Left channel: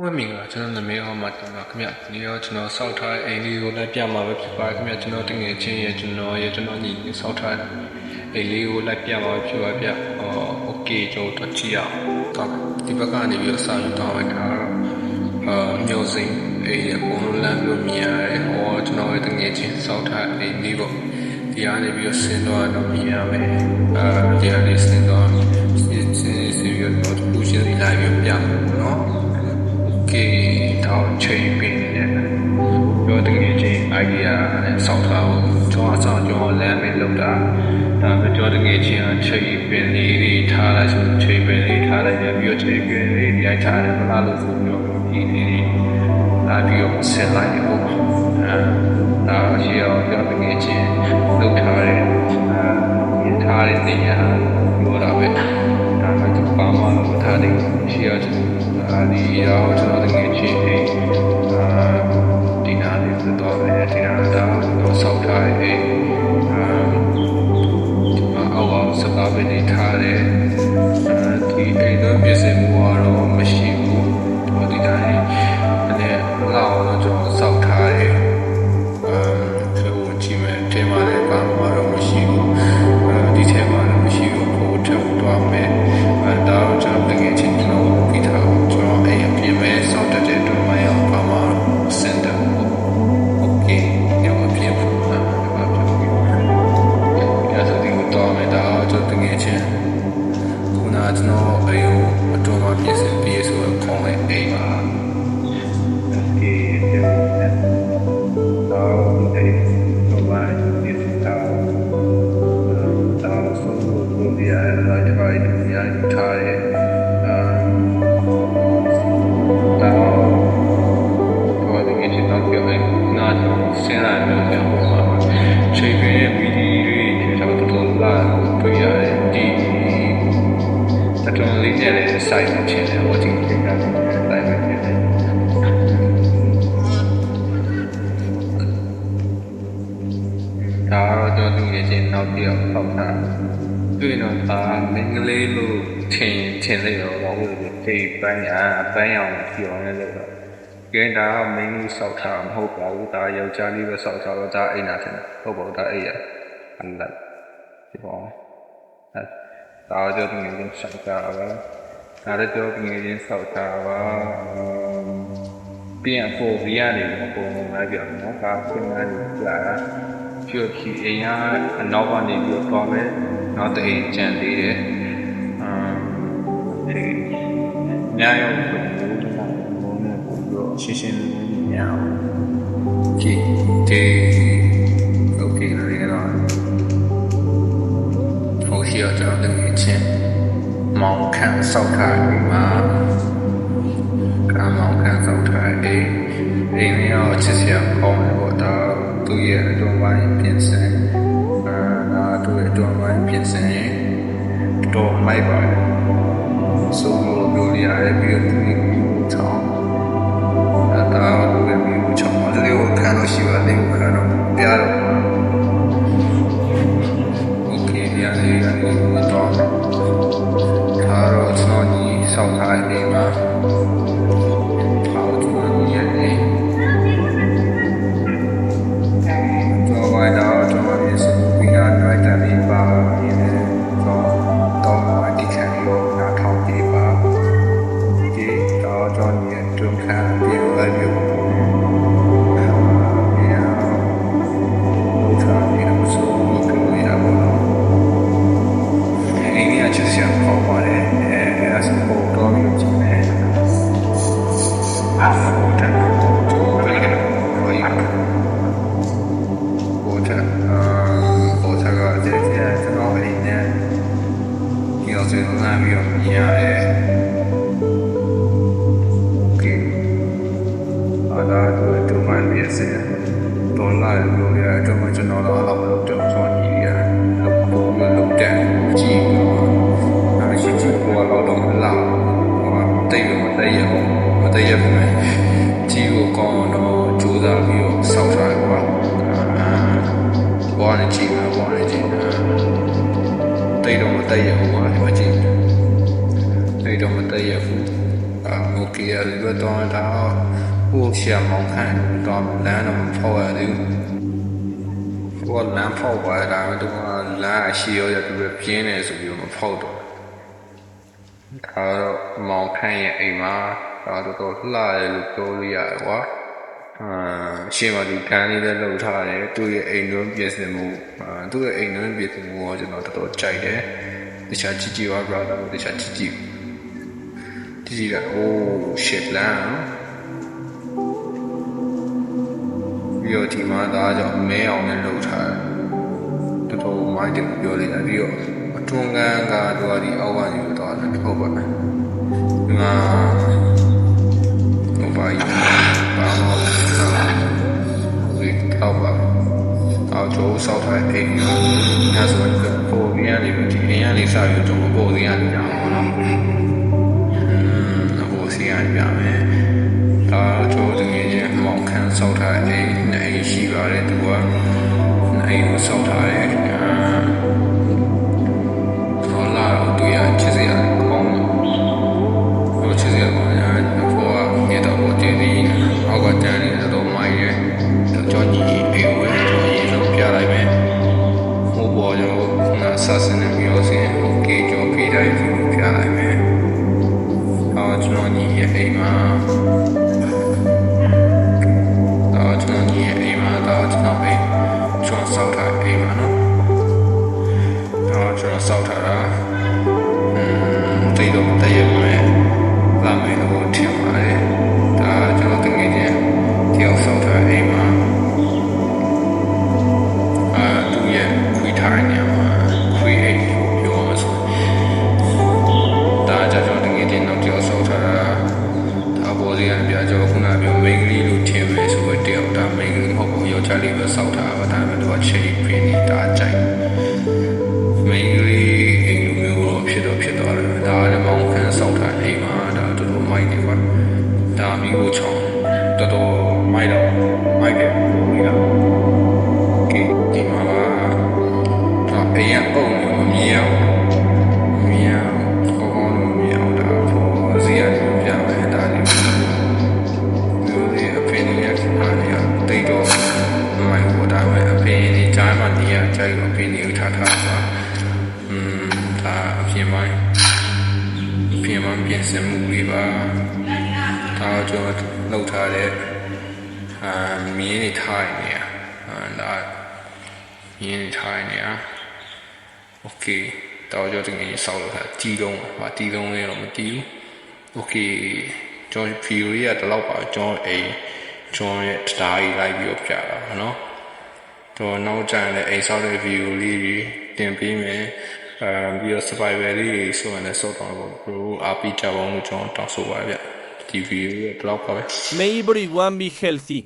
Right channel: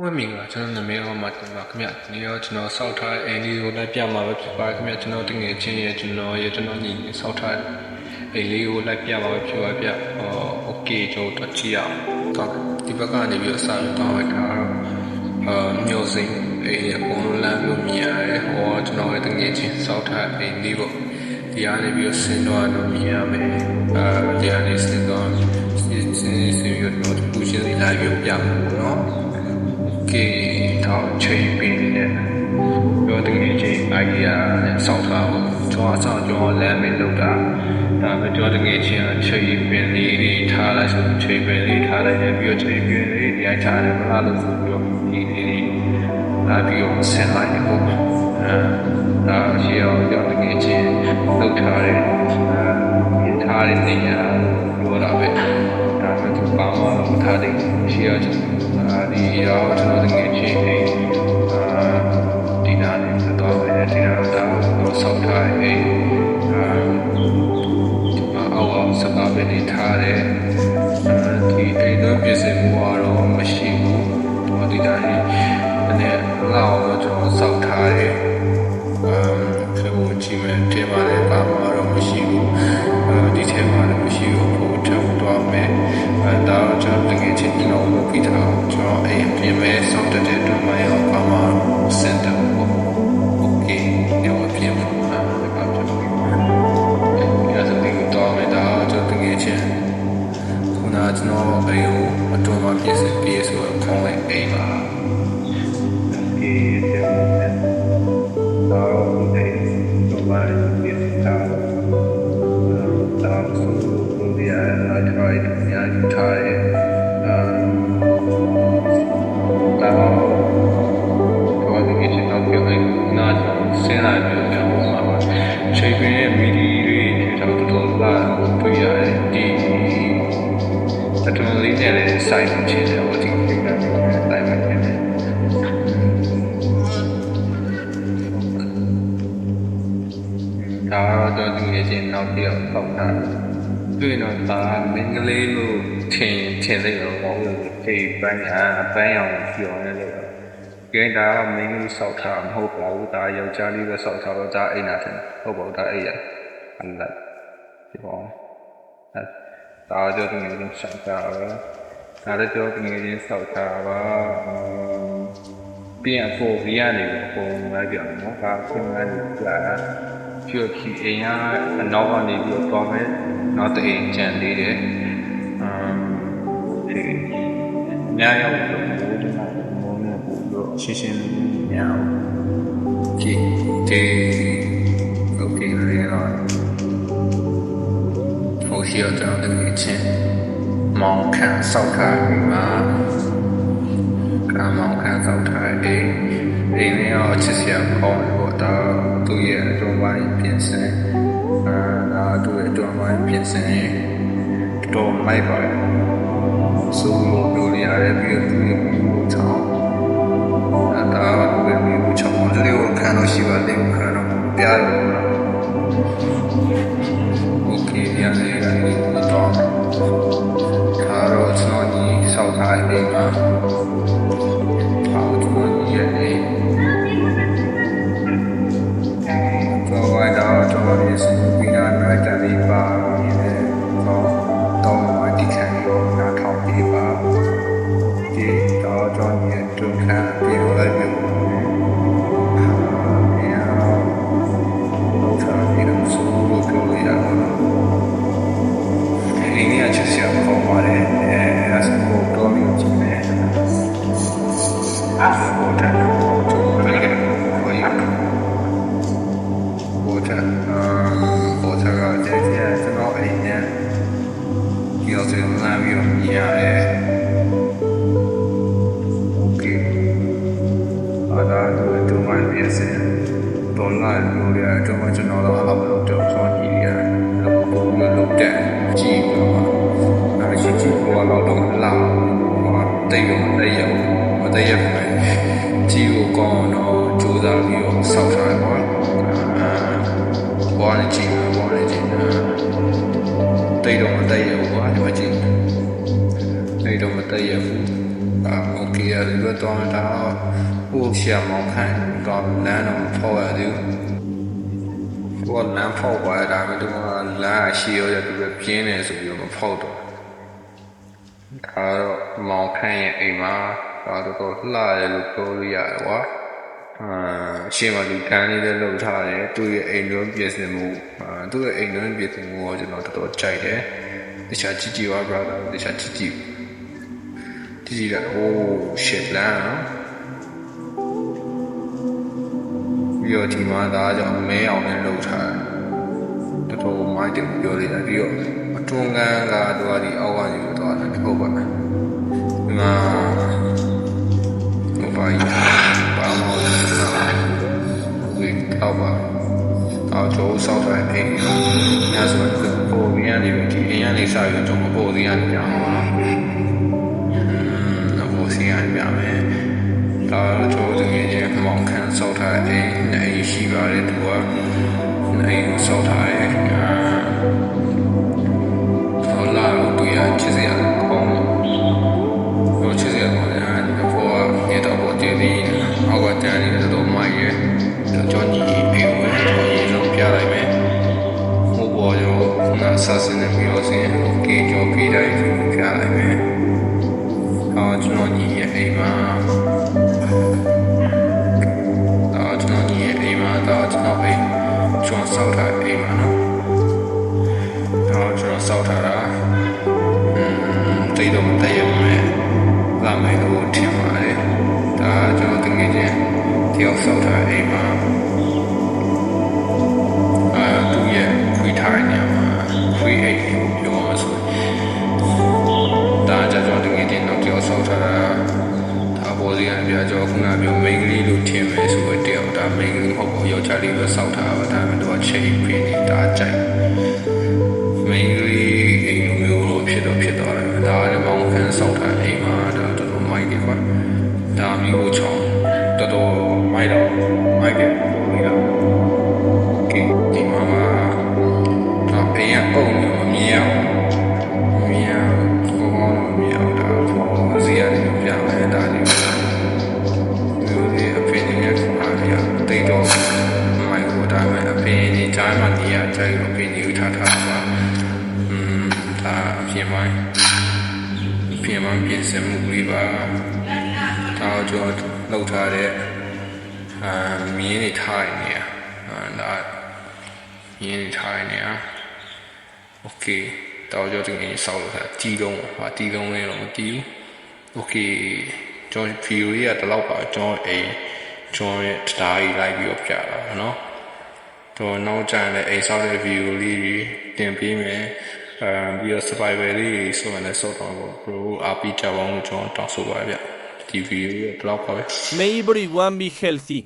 ဝင်းမင်္ဂလာကျွန်တော်နာမည်အော်မာတင်ပါခင်ဗျဒီနေ့တော့ကျွန်တော်စောက်ထားတဲ့အိမ်လေးကိုလိုက်ပြမှာပဲဖြစ်ပါတယ်ခင်ဗျကျွန်တော်တငယ်ချင်းရဲ့ကျွန်တော်ရဲ့ကျွန်တော်ညီလေးစောက်ထားတဲ့အိမ်လေးကိုလိုက်ပြမှာပဲဖြစ်ပါဗျအော်โอเคကျွန်တော်တို့ကြည့်ရအောင်တော့ဒီဘက်ကနေပြီးတော့စာရွက်တောင်းလိုက်တာတော့အာမျိုးစိန်အိမ်အကုန်လုံးလမ်းပြီးမြင်ရတယ်ဟောကျွန်တော်ရဲ့တငယ်ချင်းစောက်ထားအိမ်လေးပေါ့ဒီကနေပြီးတော့ဆင်းတော့တော့မြင်ရမယ်အာဒီကနေဆင်းတော့ဆင်းဆင်းဆင်းပြီးတော့ပူချင်းစီလာပြီးပြမှာပေါ့နော် ကဲတော့ချိန်ပင်နေတဲ့ပြောတကယ်ချင်း idea နဲ့စောက်ထားဖို့ကျွန်တော်အဆောင်ကျွန်တော်လမ်းမင်းလောက်တာဒါပဲပြောတကယ်ချင်းအချိန်ပင်လေးတွေထားလိုက်ဆိုချိန်ပင်လေးထားလိုက်တယ်ပြီးတော့ချိန်ပင်လေးဒီအိုက်ထားတယ်မလားလို့ဆိုပြီးတော့ဒီလေးတွေလာပြီးတော့ဆက်လိုက်ရဖို့အဲဒါရှိအောင်ပြောတကယ်ချင်းလောက်ထားတယ်အဲထားတဲ့နေရာပြောတာပဲဒါမှသူပါမလို့မထားတဲ့ရှိအောင်အာ ဒီတော့ကျွန်တော်တကယ်ချင်းအိမ်အာဒီနာလေးပြတော့တယ်ဒီနာတော့ဆောက်ထားတဲ့အိမ်အာအောက်အောက်စကားပင်နေထားတယ်အဲဒီအိမ်တော့ပြင်ဆင်မှုကတော့မရှိဘူးဟောဒီတိုင်းနဲ့လောက်တော့ကျွန်တော်ဆောက်ထားတယ်အမ်ဖေဝင် ကြည့်မယ်အထင်မှာလည်းဘာမှတော့မရှိဘူးအဲဒီထဲမှာလည်းမရှိဘူးဖို့ထုတ်သွားမယ်အဲဒါတော့ကျွန်တော်တကယ်ချင်းကျွန်တော်လုပ်ပြီးထားအောင်ကျွန်တော်အိမ်အပြင်မဲ့စောင့်တက်တဲ့အတွက်မှရောဘာမှစင်တယ်ပေါ့โอเคညောအပြင်မှာလည်းဘာဖြစ်လို့လဲအဲဆိုဒီကတော့မယ်ဒါတော့ကျွန်တော်တကယ်ချင်းခုနကကျွန်တော်အိမ်ကိုအတော်မှပြင်ဆင်ပြီးဆိုတော့ခေါင်းလေးအိမ်ပါဒါကေတဲ့ဝင်တော့ဒီ တော့မှပြင်ဆင်ထားတာဆိုလို့ဒီအလိုက်ထိုင်အများကြီးထားတယ်အမ်တော့ဘာလို့ဒီချင်းတော့ပြောရင်နားတော့စင်းလာမျိုးပြန်ပေါ်မှာပါချိန်ပင်ရဲ့မီဒီတွေထေတော့တော်တော်လာတွေ့ရတယ်ဒီအတွန်လေးနဲ့လည်းစိုက်မှဖြစ်တယ်ဟိုဒီကိစ္စတွေနဲ့စိုက်မှဖြစ်တယ် ဒါတော့ကျွန်တော်တကယ်ချင်းနောက်တစ်ယောက်ပေါက်တာတွေ့ရင်တော့ဒါမင်းကလေးလို့ထင်ထင်လိုက်တော့ဘာလို့လဲဒီပန်းအာအပန်းရောင်ပြောနေလို့တော့ကဲဒါကမင်းကြီးစောက်ထားမဟုတ်ပါဘူးဒါယောက်ျားလေးပဲစောက်ထားတော့ဒါအိမ်နာထင်တယ်ဟုတ်ပါဘူးဒါအိမ်ရအလတ်ဒီပေါ့အဲဒါကြောင့်တကယ်ချင်းဆိုင်တာပဲဒါလည်းကြောတကယ်ချင်းစောက်ထားပါအမ်ပြန်ပေါ်ရီရတယ်အကုန်လိုက်ပြန်နော်ဒါဆင်းလာလို့ကြာတာ ဖြူဖြူအိမ်ကအနောက်ကနေပြီးတော့သွားမယ်နောက်တအိမ်ကြံသေးတယ်အမ်ဒီညရောက်တော့မိုးတနာမိုးနဲ့ပို့ပြီးတော့ရှင်းရှင်းလင်းလင်းညအောင်ကြည့်ဒီโอเคလည်းတော့ဟိုရှိတော့ကျွန်တော်တကယ်ချင်းမောင်ခန့်စောက်ထားအိမ်မှာကမောင်ခန့်စောက်ထားအိမ် အိမ်လေးတော့ချစ်စရာကောင်းတယ်ပေါ့ဒါသူ့ရဲ့အတွန်းပိုင်းပြင်ဆင်အာဒါသူ့ရဲ့အတွန်းပိုင်းပြင်ဆင်တော်မိုက်ပါတယ်ဆိုလိုပြောရရတယ်ပြီးတော့သူ့ရဲ့မျိုးချောင်းအဲဒါတော့သူ့ရဲ့မျိုးချောင်းလေးကိုခံလို့ရှိပါလေးကိုခံတော့ပြားတော့โอเคဒီအလေးကနေတော့ဒါတော့ကျွန်တော်ညီဆောက်ထားတဲ့အိမ်မှာဟောကျွန်တော်ညီရဲ့အိမ် တော့ဝိုင်းတော့ကျွန်တော်ဒီစနူပီနာနိုက်တန်လေးပါရင်းနဲ့တော့တော့ဝိုင်းတိခံရောနားထောင်ပေးပါဒီတော့ကျွန်တော်ရဲ့တွန်းခါပြင်လိုက်ပြုတ်အာပြန်တော့ထားနေတော့ဆိုလို့ပြောရပါတော့အိမ်ကြီးအချစ်စရာပေါ့ပါတယ်အဲအဲဆိုတော့တော့ပြီးကြည့်မယ်အားပေါ်တယ်ဘယ်လိုလဲဟိုရ ပေါ်တယ်အာပေါ်တယ်ကတည်းကကျွန်တော်အိမ်နဲ့ဒီလိုဆိုရင်လာပြီးတော့မြင်ရတယ်โอเคအားသာတို့တို့မှပြည့်စင်ဒေါ်လာလိုရတော့မှကျွန်တော်တော့အလောက်မလုပ်တော့ကျွန်တော်ညီရလို့ပုံလို့လုပ်တဲ့ကြည့်ပြီးတော့အဲရှိကြည့်ပေါ်တော့တော့လာဟိုတိတ်ရောမတိတ်ရဘူးမတိတ်ရဘူးမဲ့ ကြီးကိုကောင်းတော့ကြိုးစားပြီးတော့စောက်ထားတယ်ကွာအာဘောနဲ့ကြည့်မှာဘောနဲ့ကြည့်တိတ်တော့မတိတ်ရဘူးကွာဒီမှာကြည့်တိတ်တော့မတိတ်ရဘူး အာโอเคအဲဒီတော့တော့ဒါဟိုရှာမောင်ခန့်တော့လမ်းတော့မဖောက်ရသေးဘူးဟိုကလမ်းဖောက်ပါဒါပေမဲ့တော့လမ်းအရှိရောရသူပဲပြင်းနေဆိုပြီးတော့မဖောက်တော့ဒါတော့မောင်ခန့်ရဲ့အိမ်မှာ ဒါတော့တော့လှတယ်လို့ပြောလို့ရတယ်ကွာအာရှင်းမလူကန်းလေးလည်းလှုပ်ထားတယ်သူ့ရဲ့အိမ်တွင်းပြင်ဆင်မှုအာသူ့ရဲ့အိမ်တွင်းပြင်ဆင်မှုကိုကျွန်တော်တော်တော်ကြိုက်တယ်တခြားကြည့်ကြည့်ပါ brother တခြားကြည့်ကြည့်ဒီကြီးက oh shit လမ်းပြီးတော့ဒီမှာဒါကြောင့်မဲအောင်နဲ့လှုပ်ထားတယ်တော်တော်မိုက်တယ်ပြောလိုက်တာပြီးတော့အတွန်းကန်းကသူကဒီအောက်ကနေပြီးတော့ဟုတ်ပါမယ်ဒီမှာဟိုပါကြီး ပါမောဒီတော့ပါအော်ကျိုးဆောက်ထားတဲ့အိမ်ရောညဆိုတော့ပေါ်ပြီးရနေပြီးဒီအိမ်ကနေစပြီးတော့ကျွန်တော်ပေါ်စီရနေကြအောင်ပေါ့နော်အပေါ်စီရပြမယ်။ဒါတော့သူငယ်ချင်းမောင်ခန်းစောက်ထားတဲ့အိမ်နဲ့အိမ်ရှိပါတယ်သူကအိမ်ကိုစောက်ထားတယ်။အာဟောလာတော့သူရချစ်စရာကောင်းတယ်။ဟိုချစ်စရာကောင်းတယ်။ဟိုကနေတော့ပေါ်တည်သေး တယ်။အောက်ကတန်းနေတော့မိုက်ရဲ့။ကြောညီအိမ်ကိုကြောညီဆုံးပြလိုက်မယ်။ဟိုပေါ်ရောနာဆာစနေမျိုးစင်โอเคကြောပြတိုင်းပြလိုက်မယ်။ အော်ကျွန်တော်ညီရဲ့အိမ်မှာအော်ကျွန်တော်ညီရဲ့အိမ်မှာတော့ကျွန်တော်အိမ်ကျွန်တော်စောက်ထားအိမ်မှာနော်အော်ကျွန်တော်စောက်ထားတာอืมတိတ်တော့မတည့်ရပါမယ်လာမယ်လို့ထင်ပါတယ် ယောက်စောက်ထားအိမ်မှာအာသူ့ရဲ့ခွေးထားတဲ့နေရာမှာခွေးအိမ်ကိုပြောမှာဆိုရင်ဒါကြကြောတကယ်တင်တော့တယောက်ဆောက်ထားတာဒါပေါ်စီကပြကြောခုနပြောမိန်းကလေးလို့ထင်မယ်ဆိုတော့တယောက်ဒါမိန်းကလေးမဟုတ်ဘူးယောက်ျားလေးပဲဆောက်ထားပါဒါပေမဲ့သူကချိတ်ပြင်းနေတာကြိုက်မိန်းကလေးအိမ်လိုမျိုးတော့ဖြစ်တော့ဖြစ်သွားတယ်ဒါလည်းမောင်ခန်းဆောက်ထားအိမ်မှာဒါတော်တော်မိုက်တယ်ကွာ ဒါမျိုးကိုချောင်းတော်တော်မိုက်တော့မိုက်ကပိုပြီးတော့ကဲဒီမှာကတော့အရင်အုံနေမမြင်အောင်မမြင်အောင်ကောင်းကောင်းလို့မမြင်အောင်ဒါပေါ်ဇီရတယ်ပြမယ်ဒါလေးမျိုးဒီအဖေနေရခင်ဗျာနေရတိတ်တော့မိုက်ဟိုဒါမဲ့အဖေနေဂျာမှနေရကြိုက်အဖေနေဥထားထားပါอืมဒါအပြင်ပိုင်းအပြင်ပိုင်းပြင်ဆင်မှုလေးပါ ဒါတော့ကျွန်တော်လှုပ်ထားတဲ့အာမြင်းနေထားနေရအာဒါမြင်းနေထားနေရ โอเคတော့ကြောတကယ်ဆောက်လို့ထားတီးလုံးပါတီးလုံးလေးတော့မတီးဘူးโอเคကျွန်တော်ဗီဒီယိုလေးကဒီလောက်ပါကျွန်တော်အိမ်ကျွန်တော်ရဲ့တရားကြီးလိုက်ပြီးတော့ပြတာပါเนาะတော့နောက်ကျရင်လည်းအိမ်ဆောက်တဲ့ဗီဒီယိုလေးတွေတင်ပေးမယ်အဲပြီးတော့ survival လေးတွေဆိုရင်လည်းစောက်တော့ပေါ့ bro အားပေးကြပါအောင်လို့ကျွန်တော်တောင်းဆိုပါရဗျ ဒီဗီဒီယိုကဒီလောက်ပါပဲ May everyone be healthy.